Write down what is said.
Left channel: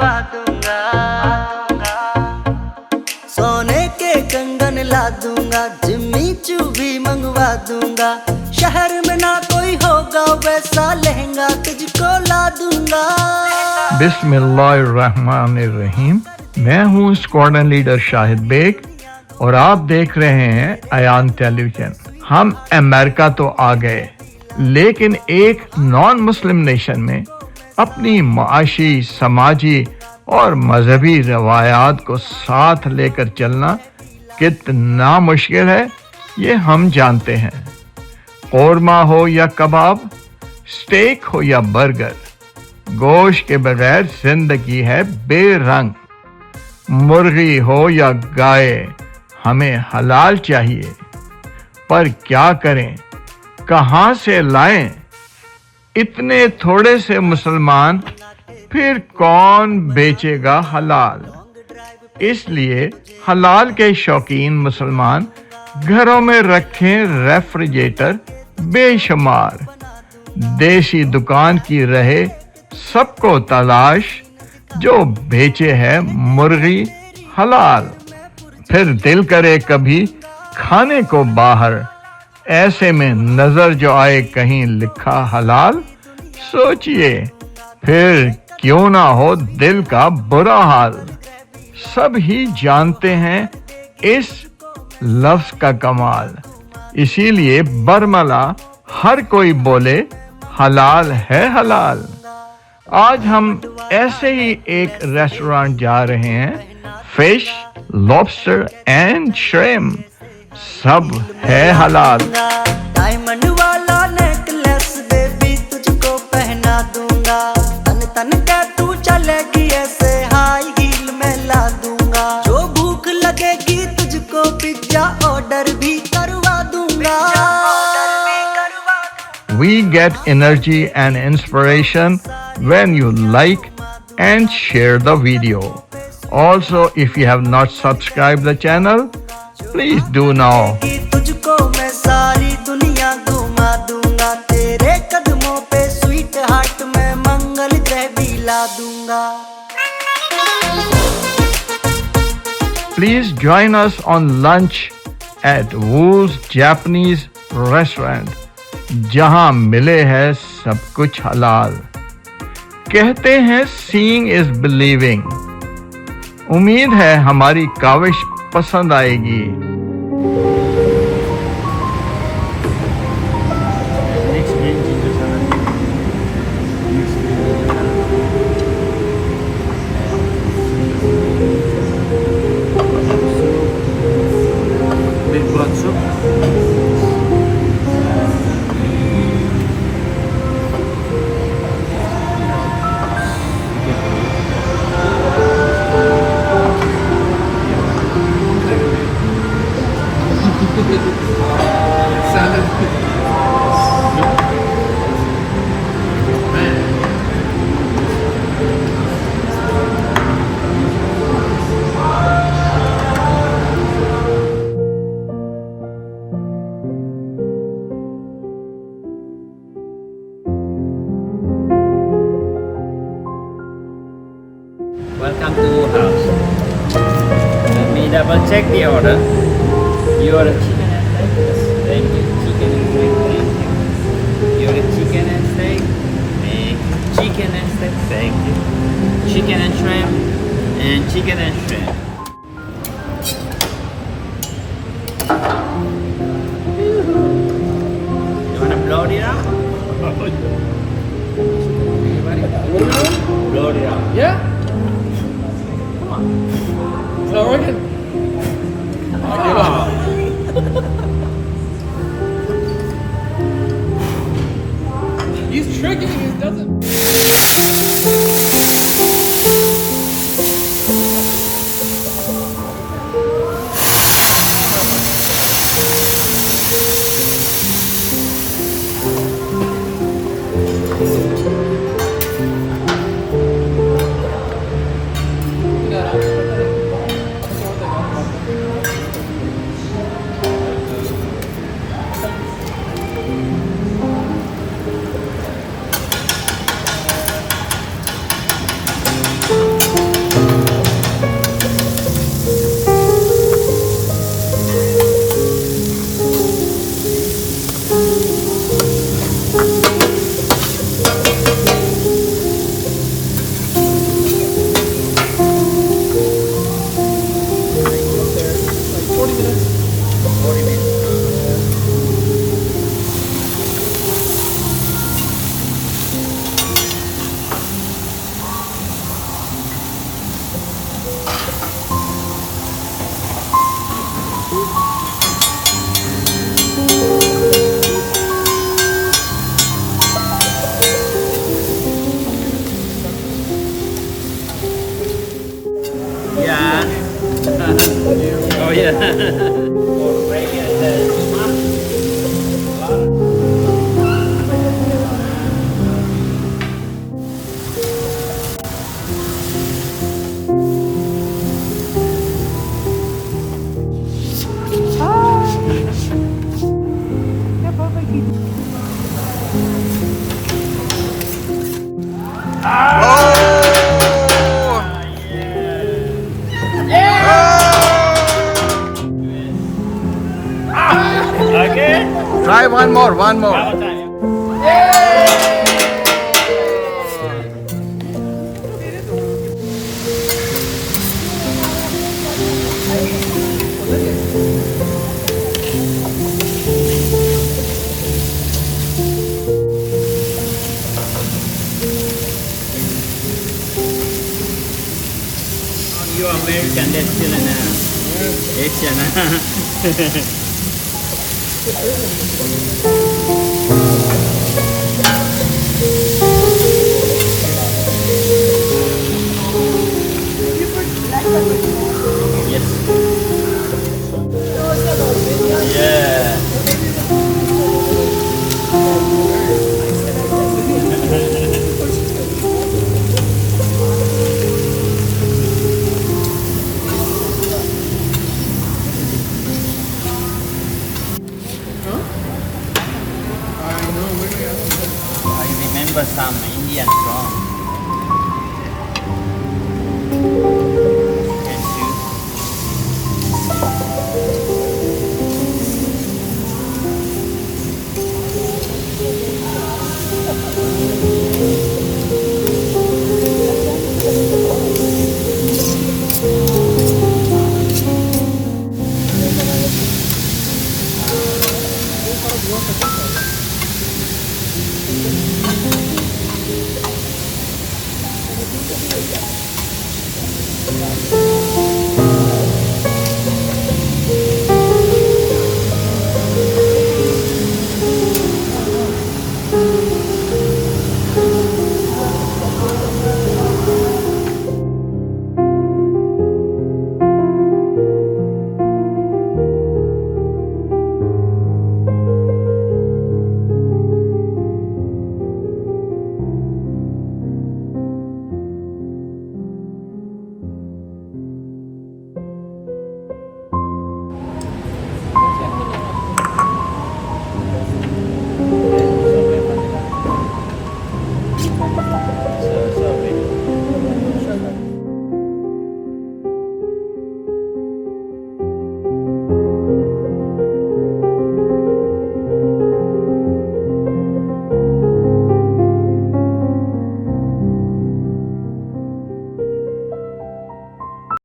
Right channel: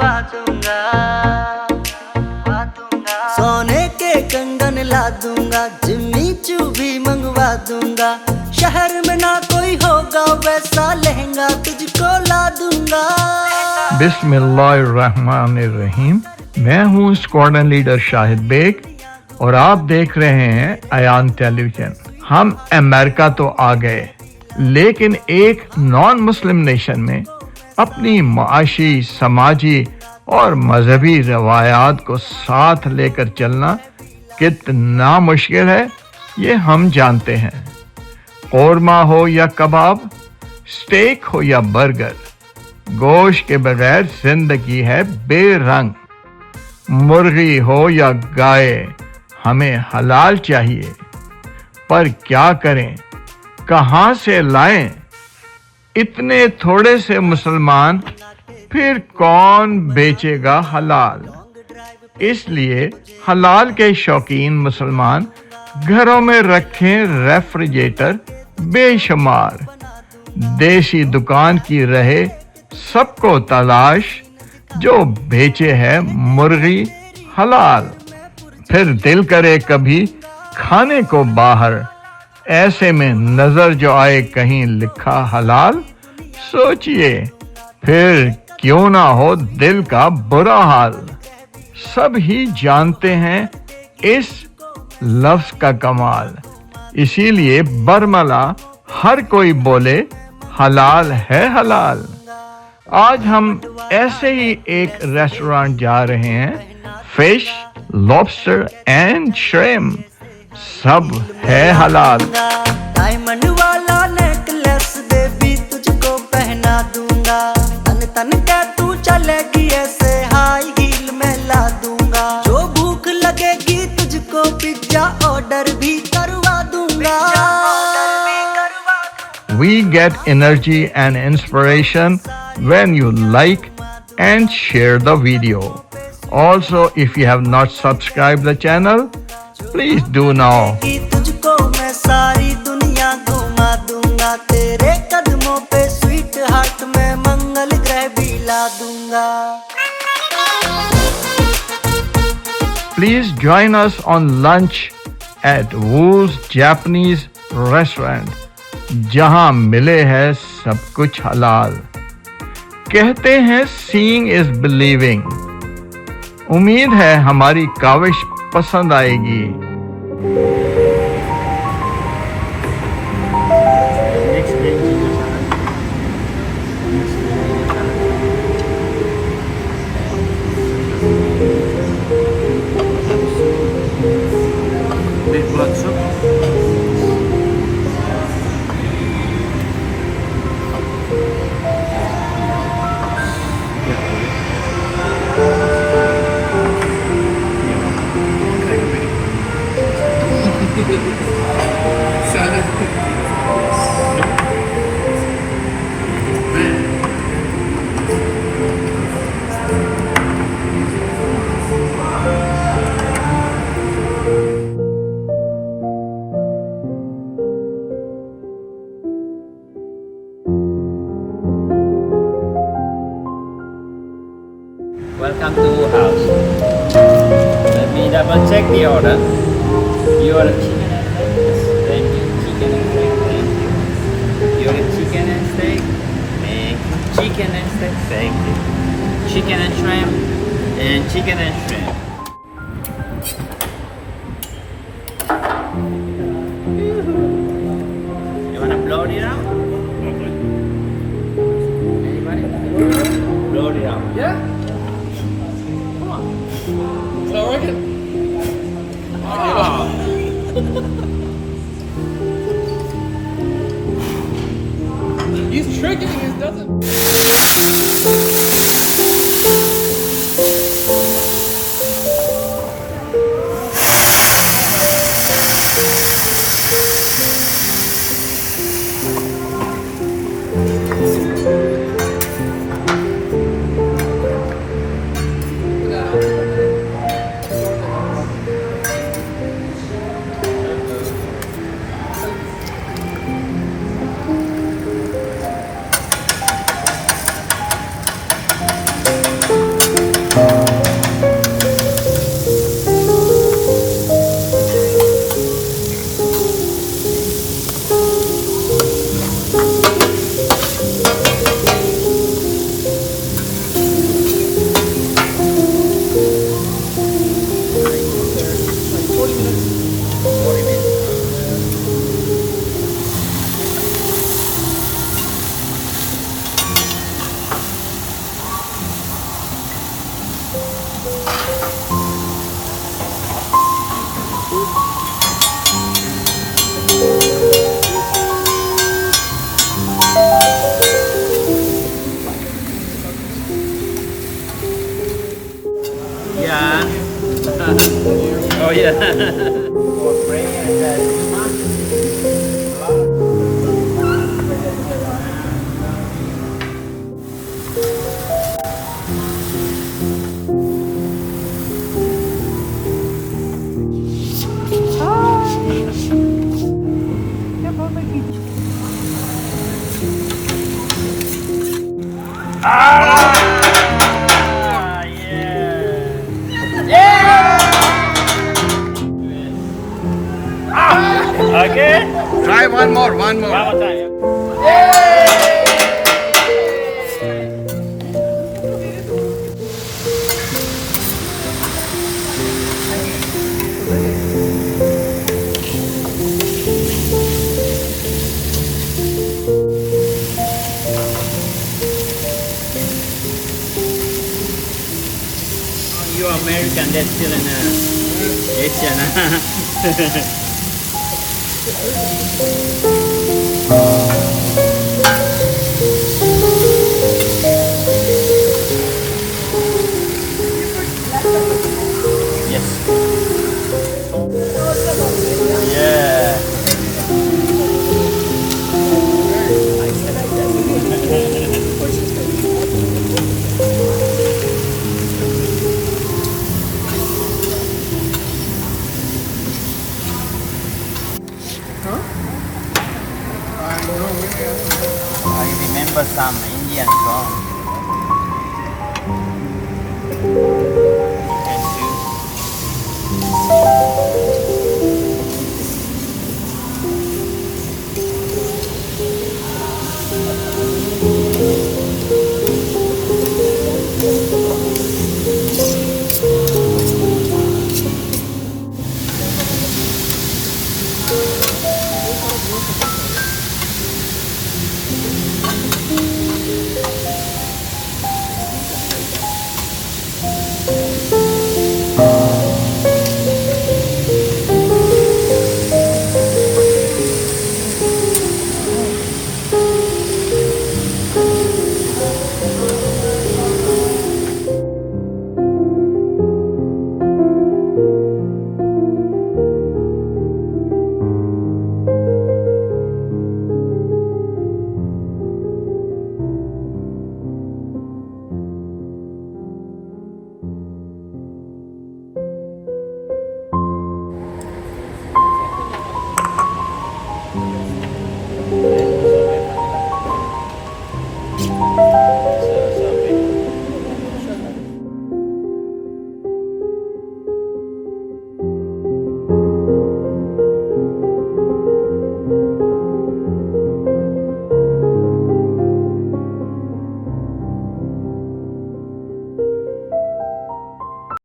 मंगवा दूंगा, सोने के कंगन ला दूंगा, जिम्मी चू भी मंगवा दूंगा, शहर में ना कोई होगा वैसा लहंगा तुझको ला दूंगा। बिस्मिल्लाहिर्रहमानिर्रहीम। मैं हूँ स्क्वाड्रन लीडर शाहिद बेग और आप देख रहे हैं अयान टेलीविजन। हम अमेरिका तो आ गए, लेकिन एक नॉन मुस्लिम नेशन में अपनी माशी, समाजी और मजहबी रवायात को साथ लेकर चलना कितना मुश्किल है ये हम जानते हैं। कौरमा हो या कबाब, स्टेक हो या बर्गर, गोश्त के बगैर जिंदगी है बेरंग। मुर्गी हो या गाय, हमें हलाल चाहिए, पर क्या करें, कहां से लाएं? इतने थोड़े से मुसलमान, फिर कौन बेचेगा हलाल? इसलिए हलाल के शौकीन मुसलमान घरों में रखें रेफ्रिजरेटर बेशुमार। देसी दुकान की रहे सबको तलाश, जो बेचे है मुर्गी हलाल। फिर दिल करे कभी खाने को बाहर, ऐसे में नजर जो आए कहीं लिखा हलाल, सोचिए फिर क्यों ना हो दिल का बुरा हाल। सब ही जानते हैं इस लफ्ज का कमाल, इसीलिए बरमला हर कोई बोले हलाल है हलाल। आज हम ऐसे ही एक रेस्टोरेंट जा रहे हैं। फिश, लॉबस्टर एंड श्रिम्प सब है हलाल। डायमंड वाला नेकलेस बेबी तुझको पहना दूंगा, तन तन के तू चलेगी ऐसे हाई हील में ला दूंगा। जो भूख लगेगी तुझको पिज्जा ऑर्डर भी करवा दूंगा। We get energy and inspiration when you like and share the video. Also, if you have not subscribed the channel, please do now. तुझको मैं सारी दुनिया घुमा दूंगा, तेरे कदमों पे स्वीट हार्ट में मंगल ग्रह भी ला दूंगा। Please join us on lunch at Halal Japanese restaurant, जहां मिले है सब कुछ हलाल। कहते हैं seeing is believing। उम्मीद है हमारी काविश पसंद आएगी। Welcome to house. Let me double check the order. You order chicken and steak? Yes. Thank you. Chicken and steak. Thank you. You order chicken and steak? Thank you. Chicken and steak? Thank you. Chicken and shrimp? And chicken and shrimp. You wanna blow it out? Anybody? Blow it out. Yeah? It's not working. He's tricking, he doesn't. jahan. Oh yeah. For prayer, you must. Okay. Try one more, one more. One more time. You American, that's still an Asian. Yes. Yeah. I remember some Indian song. Chicken soup.